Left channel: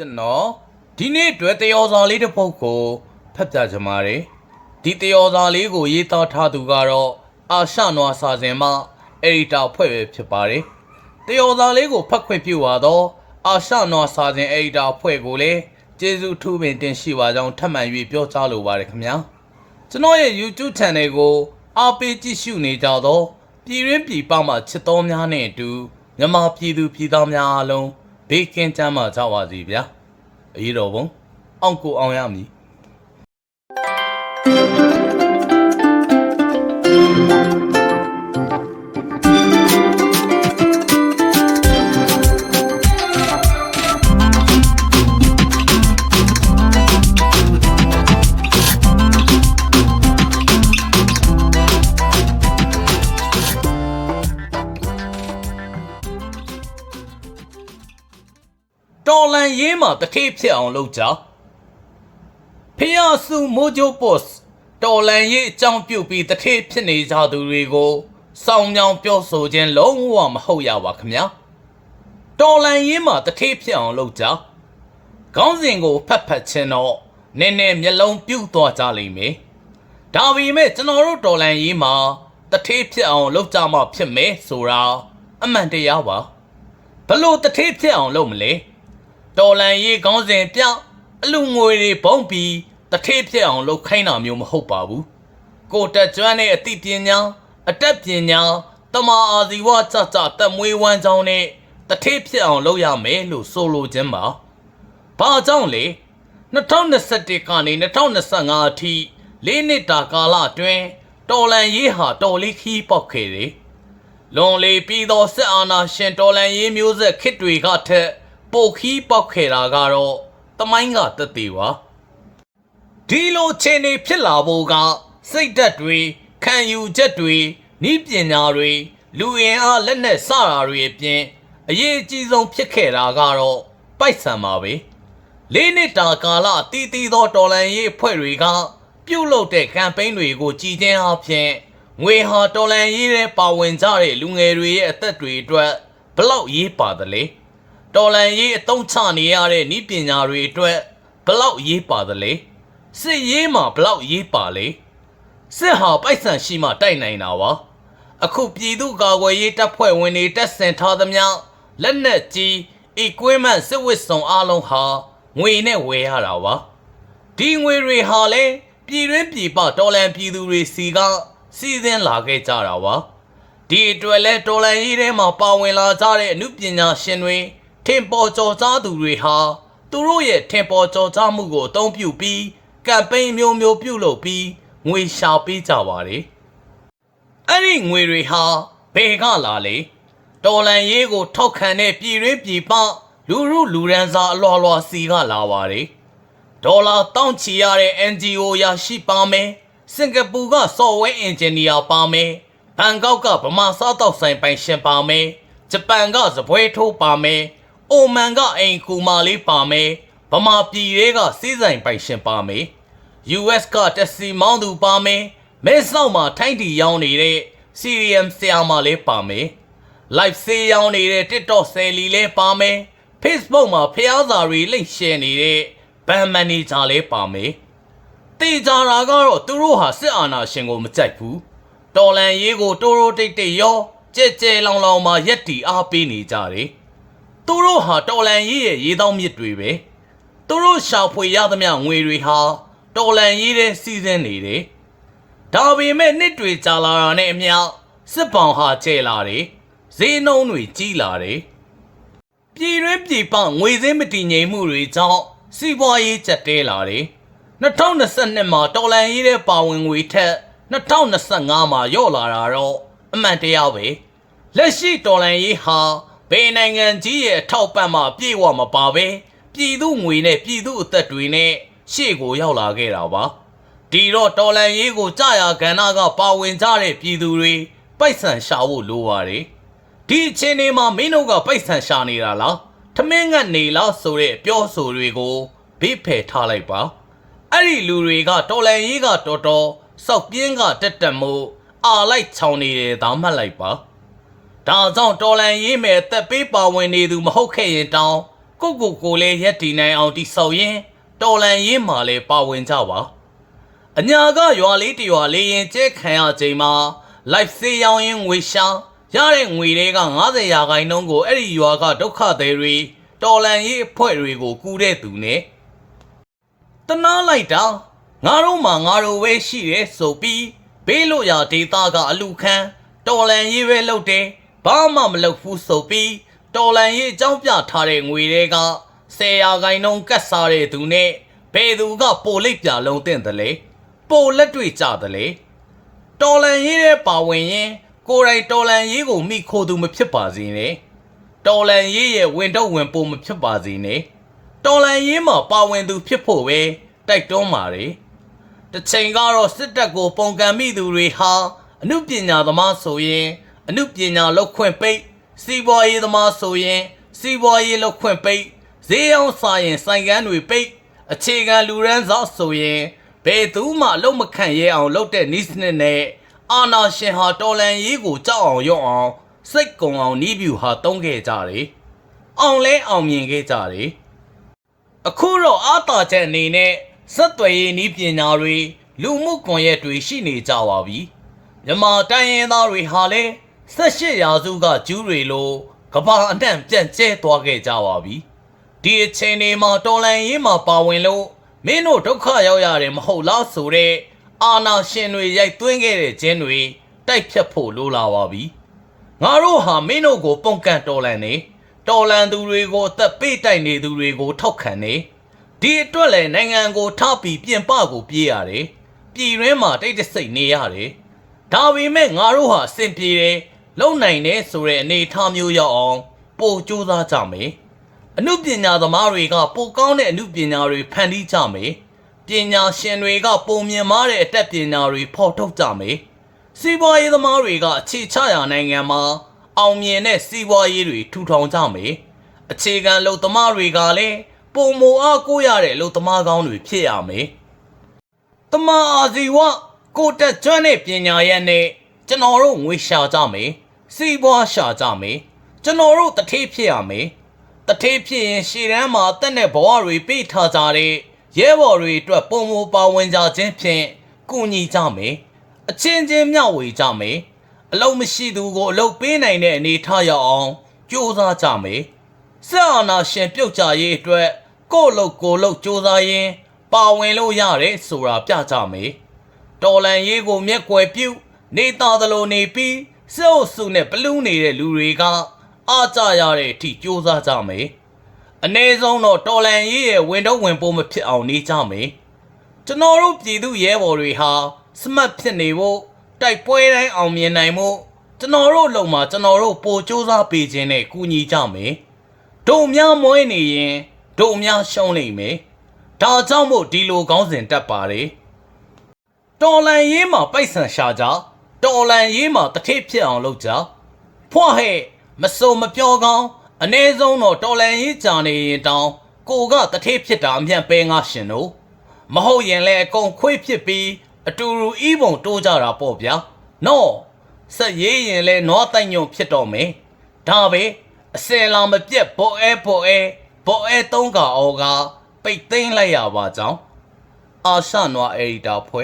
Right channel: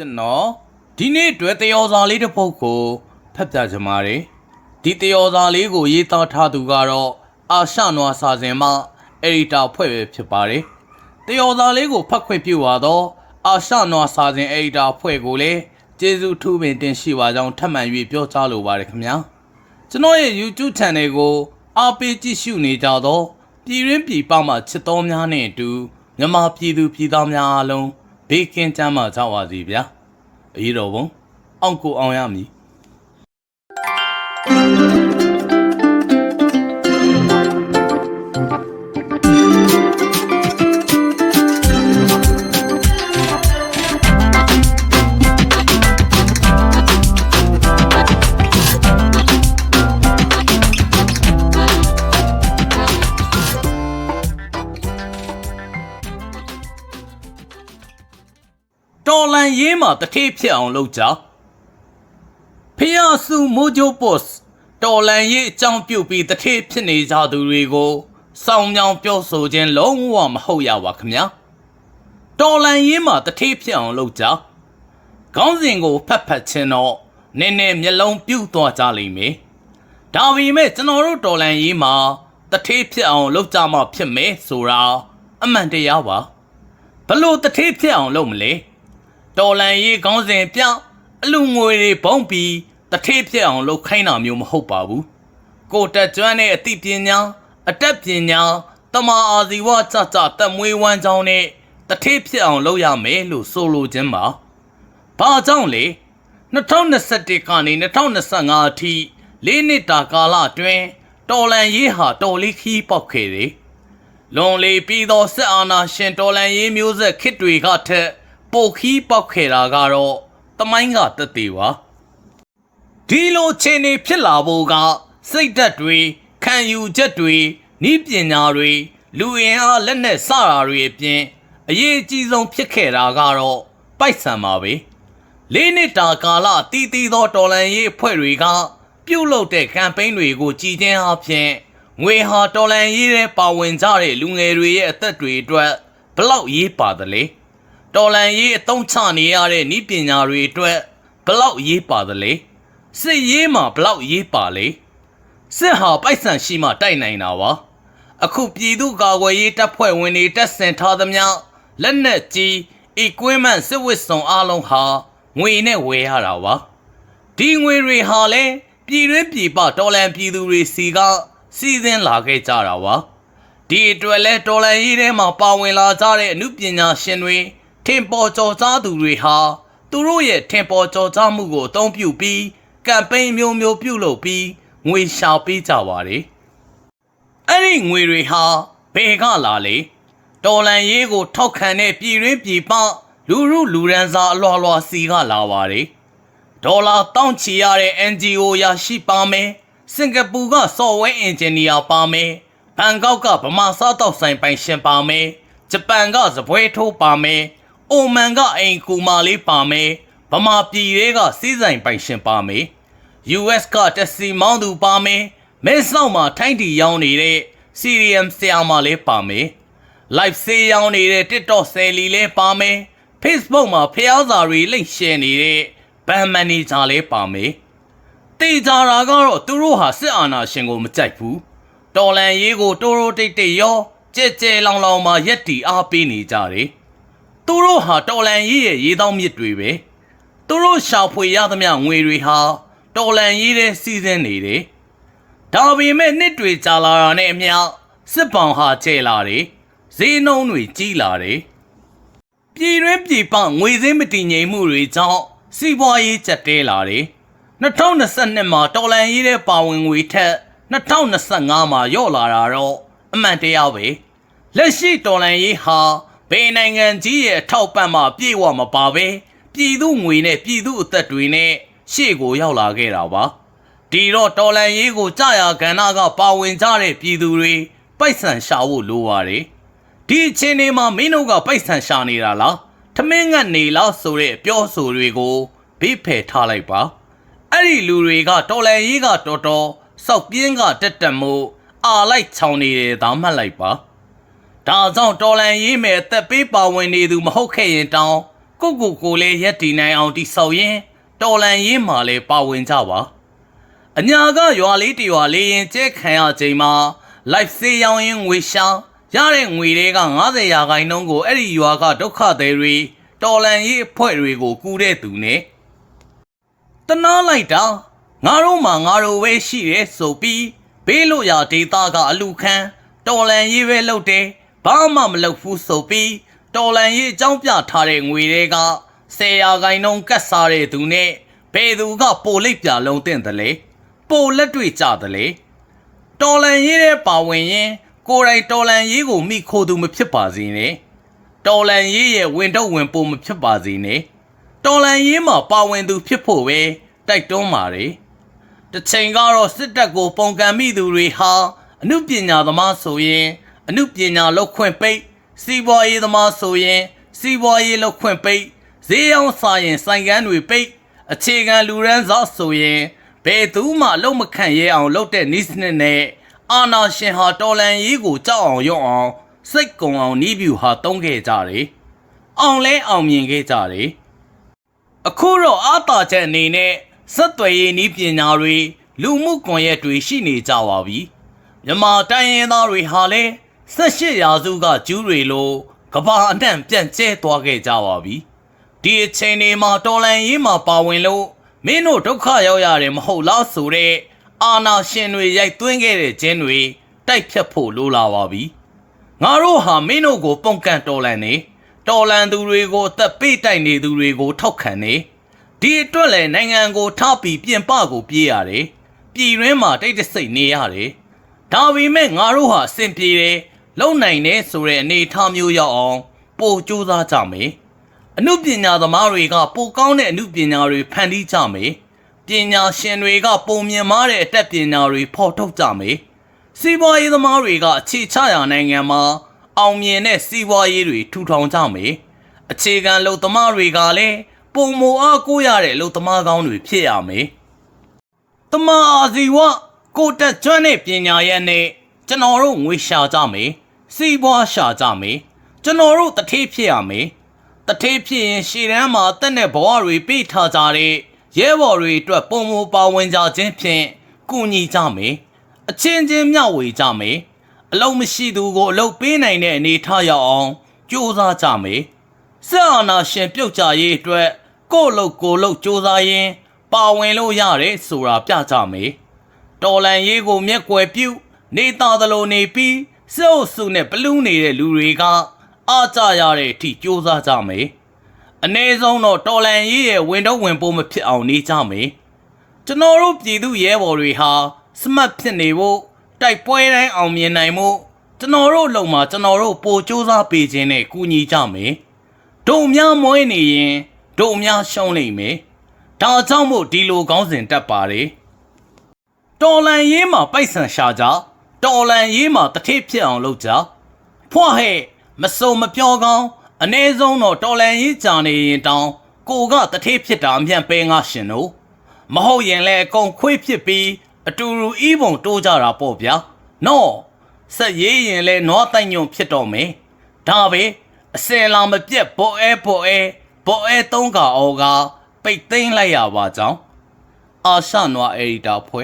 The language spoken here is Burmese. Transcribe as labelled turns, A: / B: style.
A: ကျွန်တော်ဒီနေ့အတွက်တယောစာလေးတစ်ပုဒ်ကိုဖတ်ပြချင်ပါတယ်ဒီတယောစာလေးကိုရေးသားထားသူကတော့အာရှနွားစာစဉ်မှအက်ဒီတာဖွဲ့ပဲဖြစ်ပါတယ်တယောစာလေးကိုဖတ်ခွင့်ပြုပါတော့အာရှနွားစာစဉ်အက်ဒီတာဖွဲ့ကိုလည်းကျေးဇူးထူးပင်တင်ရှိပါကြောင်းထပ်မံ၍ပြောကြားလိုပါတယ်ခင်ဗျာကျွန်တော်ရဲ့ YouTube Channel ကိုအားပေးကြည့်ရှုနေကြတော့ပြည်ရင်းပြည်ပမှချစ်တော်များနဲ့အတူမြန်မာပြည်သူပြည်သားများအားလုံး ဘေးကင်းကြမ်းမှကြပါစေဗျာအရေးတော်ပုံအောင်ကိုအောင်ရမည် တော်လန်ရေးမှာတထေးဖြစ်အောင်လုပ်ကြဖျားစုမိုဂျိုပို့စ်တော်လန်ရေးအကြောင်းပြုတ်ပြီးတထေးဖြစ်နေကြသူတွေကိုစောင်းကြောင်ပြောဆိုခြင်းလုံးဝမဟုတ်ရပါခင်ဗျာတော်လန်ရေးမှာတထေးဖြစ်အောင်လုပ်ကြခေါင်းစဉ်ကိုဖတ်ဖတ်ခြင်းတော့နည်းနည်းမျက်လုံးပြုတ်သွားကြလိမ့်မယ်ဒါပေမဲ့ကျွန်တော်တို့တော်လန်ရေးမှာတထေးဖြစ်အောင်လုပ်ကြမှဖြစ်မယ်ဆိုတာအမှန်တရားပါဘလို့တထေးဖြစ်အောင်လုပ်မလဲ တော်လန်ရေးခေါင်းစဉ်ပြအလူငွေတွေဘုံပြီးတထေးဖြစ်အောင်လုပ်ခိုင်းတာမျိုးမဟုတ်ပါဘူးကိုတက်ကျွမ်းတဲ့အသိပညာအတတ်ပညာတမာအာဇီဝကြကြတက်မွေးဝမ်းကြောင်းနဲ့တထေးဖြစ်အောင်လုပ်ရမယ်လို့ဆိုလိုခြင်းပါဘာကြောင့်လဲ2021ကနေ2025အထိလေးနှစ်တာကာလအတွင်းတော်လန်ရေးဟာတော်လေးခီးပေါက်ခဲ့တယ်လွန်လေပြီးသောစစ်အာဏာရှင်တော်လန်ရေးမျိုးဆက်ခစ်တွေကထက် ပိုခီးပေါက်ခဲ့တာကတော့တမိုင်းကတက်သေးပါဒီလိုခြေနေဖြစ်လာဖို့ကစိတ်ဓာတ်တွေခံယူချက်တွေဤပညာတွေလူအင်အားလက်နက်စတာတွေအပြင်အရေးအကြီးဆုံးဖြစ်ခဲ့တာကတော့ပိုက်ဆံပါပဲလေးနှစ်တာကာလတီးတီးသောတော်လန်ရေးအဖွဲ့တွေက ပြုတ်လုတဲ့ကမ်ပိန်းတွေကိုကြည်ချင်းအပြင်ငွေဟာတော်လန်ရေးတဲ့ပါဝင်ကြတဲ့လူငယ်တွေရဲ့အသက်တွေအတွက်ဘလောက်ရေးပါသလဲ တော်လန်ရေးအတုံးချနေရတဲ့ဤပညာတွေအတွက်ဘလောက်ရေးပါသလဲစစ်ရေးမှာဘလောက်ရေးပါလဲစစ်ဟာပိုက်ဆံရှိမှတိုက်နိုင်တာပါအခုပြည်သူ့ကာကွယ်ရေးတပ်ဖွဲ့ဝင်တွေတက်ဆင်ထားသမျှလက်နက်ကြီး equipment စစ်ဝတ်စုံအလုံးဟာငွေနဲ့ဝယ်ရတာပါဒီငွေတွေဟာလည်းပြည်တွင်းပြည်ပတော်လန်ပြည်သူတွေစီကစီစဉ်လာခဲ့ကြတာပါဒီအတွက်လဲတော်လန်ရေးထဲမှာပါဝင်လာကြတဲ့အမှုပညာရှင်တွေ ထင်ပေါ်ကျော်ကြားသူတွေဟာသူတို့ရဲ့ထင်ပေါ်ကျော်ကြားမှုကိုအသုံးပြုပြီးကမ်ပိန်းမျိုးမျိုးပြုလုပ်ပြီးငွေရှာပေးကြပါတယ်။အဲ့ဒီငွေတွေဟာဘယ်ကလာလဲ။တော်လန်ရေးကိုထောက်ခံတဲ့ပြည်ရင်းပြည်ပလူရုလူရန်စာအလွာလွာစီကလာပါတယ်။ဒေါ်လာတောင်းချီရတဲ့ NGO ရရှိပါမယ်။စင်ကာပူက software engineer ပါမယ်။ဘန်ကောက်ကဗမာစားတောက်ဆိုင်ပိုင်ရှင်ပါမယ်။ဂျပန်ကစပွဲထိုးပါမယ်။ အိုမန်ကအိမ်ကူမာလေးပါမယ်ဗမာပြည်တွေကစီးဆိုင်ပိုင်ရှင်ပါမယ် US ကတက်စီမောင်းသူပါမယ်မဲဆောက်မှာထိုင်းတီရောင်းနေတဲ့ CRM ဆရာမလေးပါမယ် live ဆေးရောင်းနေတဲ့ TikTok ဆယ်လီလေးပါမယ် Facebook မှာဖျားစာတွေလိမ့်ရှယ်နေတဲ့ဘန်မန်နေဂျာလေးပါမယ်တေချာတာကတော့သူတို့ဟာစစ်အာဏာရှင်ကိုမကြိုက်ဘူးတော်လန်ရေးကိုတိုးတိုးတိတ်တိတ်ရောကြဲကြဲလောင်လောင်မှာရက်တီအားပေးနေကြတယ် သူတို့ဟာတော်လန်ရေးရဲ့ရေတောင်းမြစ်တွေပဲသူတို့ရှာဖွေရသမျှငွေတွေဟာတော်လန်ရေးတဲ့စီစဉ်နေတယ်ဒါပေမဲ့နှစ်တွေကြာလာတာနဲ့အမျှစစ်ပောင်ဟာကျဲလာတယ်ဈေးနှုန်းတွေကြီးလာတယ်ပြည်တွင်းပြည်ပငွေစင်းမတည်ငြိမ်မှုတွေကြောင့်စီးပွားရေးကျက်တဲလာတယ်2022မှာတော်လန်ရေးတဲ့ပါဝင်ငွေထက်2025မှာရော့လာတာတော့အမှန်တရားပဲလက်ရှိတော်လန်ရေးဟာ ဘယ်နိုင်ငံကြီးရဲ့အထောက်ပံ့မှပြေဝမပါပဲပြည်သူငွေနဲ့ပြည်သူအသက်တွေနဲ့ရှေ့ကိုရောက်လာခဲ့တာပါဒီတော့တော်လန်ရေးကိုကြာရကဏ္ဍကပါဝင်ကြတဲ့ပြည်သူတွေပိုက်ဆံရှာဖို့လိုပါတယ်ဒီအချိန်ဒီမှာမင်းတို့ကပိုက်ဆံရှာနေတာလားထမင်းငတ်နေလားဆိုတဲ့အပြောဆိုတွေကိုဘေးဖယ်ထားလိုက်ပါအဲ့ဒီလူတွေကတော်လန်ရေးကတော်တော်စောက်ပြင်းကတက်တက်မှုအာလိုက်ချောင်းနေတယ်ဒါမှတ်လိုက်ပါ ဒါကြောင့်တော်လန်ရေးမယ်အသက်ပေးပါဝင်နေသူမဟုတ်ခဲ့ရင်တောင်းကိုကိုကိုလည်းရက်တည်နိုင်အောင်တိဆောက်ရင်တော်လန်ရေးမှာလည်းပါဝင်ကြပါအညာကရွာလေးတရွာလေးရင်ကျဲခံရချိန်မှာ live စေးရောင်းရင်ငွေရှာရတဲ့ငွေတွေက90ရာခိုင်နှုန်းကိုအဲ့ဒီရွာကဒုက္ခသည်တွေတော်လန်ရေးအဖွဲ့တွေကိုကူတဲ့သူနဲ့တနာလိုက်တာငါတို့မှငါတို့ပဲရှိရဲဆိုပြီးဘေးလို့ရာဒေတာကအလူခံတော်လန်ရေးပဲလုပ်တယ် ဘာမှမလုပ်ဘူးဆိုပြီးတော်လန်ရေးအကြောင်းပြထားတဲ့ငွေတွေက10ရာခိုင်နှုန်းကတ်စားတဲ့သူနဲ့ဘယ်သူကပိုလိပ်ပြလုံးတဲ့တယ်လဲပိုလက်တွေ့ကြတယ်လေတော်လန်ရေးတဲ့ပါဝင်ရင်ကိုယ်တိုင်တော်လန်ရေးကိုမိခိုသူမဖြစ်ပါစေနဲ့တော်လန်ရေးရဲ့ဝင်တော့ဝင်ပိုမဖြစ်ပါစေနဲ့တော်လန်ရေးမှာပါဝင်သူဖြစ်ဖို့ပဲတိုက်တွန်းပါတယ်တစ်ချိန်ကတော့စစ်တပ်ကိုပုံကံမိသူတွေဟာအမှုပညာသမားဆိုရင် အမှုပညာလောက်ခွင့်ပိတ်စီးပွားရေးသမားဆိုရင်စီးပွားရေးလောက်ခွင့်ပိတ်ဈေးရောင်းစားရင်ဆိုင်ကန်းတွေပိတ်အခြေခံလူရန်စားဆိုရင်ဘယ်သူမှလုံးမခန့်ရဲအောင်လုပ်တဲ့နီးစနစ်နဲ့အာနာရှင်ဟာတော်လန်ရေးကိုကြောက်အောင်ရုံအောင်စိတ်ကုံအောင်နီးပြူဟာတုံးခဲ့ကြတယ်။အောင်လဲအောင်မြင်ခဲ့ကြတယ်။အခုတော့အာတာချက်အနေနဲ့စက်သွယ်ရေးနီးပညာတွေလူမှုကွန်ရက်တွေရှိနေကြပါပြီ။မြန်မာတိုင်းရင်းသားတွေဟာလည်း 18ရာစုကကျူးတွေလိုကဘာအနှံ့ပြန့်ကျဲသွားခဲ့ကြပါပြီ။ဒီအချိန်တွေမှာတော်လန်ရေးမှာပါဝင်လို့မင်းတို့ဒုက္ခရောက်ရတယ်မဟုတ်လားဆိုတဲ့အာနာရှင်တွေရိုက်သွင်းခဲ့တဲ့ကျင်းတွေတိုက်ဖြတ်ဖို့လိုလာပါပြီ။ငါတို့ဟာမင်းတို့ကိုပုံကန်တော်လန်နေတော်လန်သူတွေကိုအသက်ပေးတိုက်နေသူတွေကိုထောက်ခံနေဒီအတွက်လည်းနိုင်ငံကိုထားပြီးပြင်ပကိုပြေးရတယ်။ပြည်ရင်းမှာတိတ်တဆိတ်နေရတယ်။ဒါပေမဲ့ငါတို့ဟာအဆင်ပြေတယ် လုံနိုင်တယ်ဆိုတဲ့အနေအထားမျိုးရောက်အောင်ပို့ကြိုးစားကြမယ်။အမှုပညာသမားတွေကပိုကောင်းတဲ့အမှုပညာတွေဖန်တီးကြမယ်။ပညာရှင်တွေကပုံမြင်မားတဲ့အတတ်ပညာတွေဖော်ထုတ်ကြမယ်။စီးပွားရေးသမားတွေကအခြေချရာနိုင်ငံမှာအောင်မြင်တဲ့စီးပွားရေးတွေထူထောင်ကြမယ်။အခြေခံလုံသမားတွေကလည်းပုံမအားကိုးရတဲ့လုံသမားကောင်းတွေဖြစ်ရမယ်။တမအာဇီဝကိုတက်ကျွမ်းတဲ့ပညာရဲ့နဲ့ကျွန်တော်တို့ငွေရှာကြမယ်။ စီးပွားရှာကြမယ်။ကျွန်တော်တို့တထေးဖြစ်ရမယ်။တထေးဖြစ်ရင်ရှေ့တန်းမှာတက်တဲ့ဘဝတွေပေးထားကြတဲ့ရဲဘော်တွေအတွက်ပုံမပါဝင်ကြခြင်းဖြင့်ကူညီကြမယ်အချင်းချင်းမျှဝေကြမယ်အလုံးမရှိသူကိုအလုံးပေးနိုင်တဲ့အနေထားရအောင်ကြိုးစားကြမယ်ဆက်အာနာရှင်ပြုတ်ကြရေးအတွက်ကိုယ့်လို့ကိုယ်လို့ကြိုးစားရင်းပါဝင်လို့ရတယ်ဆိုတာပြကြမယ်တော်လန်ရေးကိုမျက်ကွယ်ပြုနေသားသလိုနေပြီး စေအုပ်စုနဲ့ဘလူးနေတဲ့လူတွေကအားကြရတဲ့အထိကြိုးစားကြမယ်။အ ਨੇ ဆုံးတော့တော်လန်ရေးရဲ့ဝင်တော့ဝင်ပိုးမဖြစ်အောင်နေကြမယ်။ကျွန်တော်တို့ပြည်သူရဲဘော်တွေဟာစမတ်ဖြစ်နေဖို့တိုက်ပွဲတိုင်းအောင်မြင်နိုင်ဖို့ကျွန်တော်တို့လုံမှာကျွန်တော်တို့ပိုစ조사ပေးခြင်းနဲ့ကူညီကြမယ်။တို့များမွေးနေရင်တို့များရှုံးနိုင်မယ်။ဒါကြောင့်မို့ဒီလိုကောင်းစဉ်တက်ပါတယ်။ တော်လန်ရေးမှာပိုက်ဆံရှာကြ တော်လန်ရေးမှာတထိပ်ဖြစ်အောင်လုပ်ကြဖွာဟဲ့မစုံမပြောကောင်းအ ਨੇ ဆုံးတော့တော်လန်ရေးကြာနေရင်တောင်ကိုကတထိပ်ဖြစ်တာအမြန်ပဲငါရှင်တို့မဟုတ်ရင်လည်းအကုန်ခွေးဖြစ်ပြီးအတူတူဤပုံတိုးကြတာပေါ့ဗျာနော်ဆက်ရေးရင်လည်းနွားတိုင်ညုံဖြစ်တော့မယ်ဒါပဲအစင်လာမပြက်ဘောအဲဘောအဲဘောအဲသုံးကအောကပိတ်သိမ်းလိုက်ရပါကြောင်းအာရှနွားအေဒီတာဖွဲ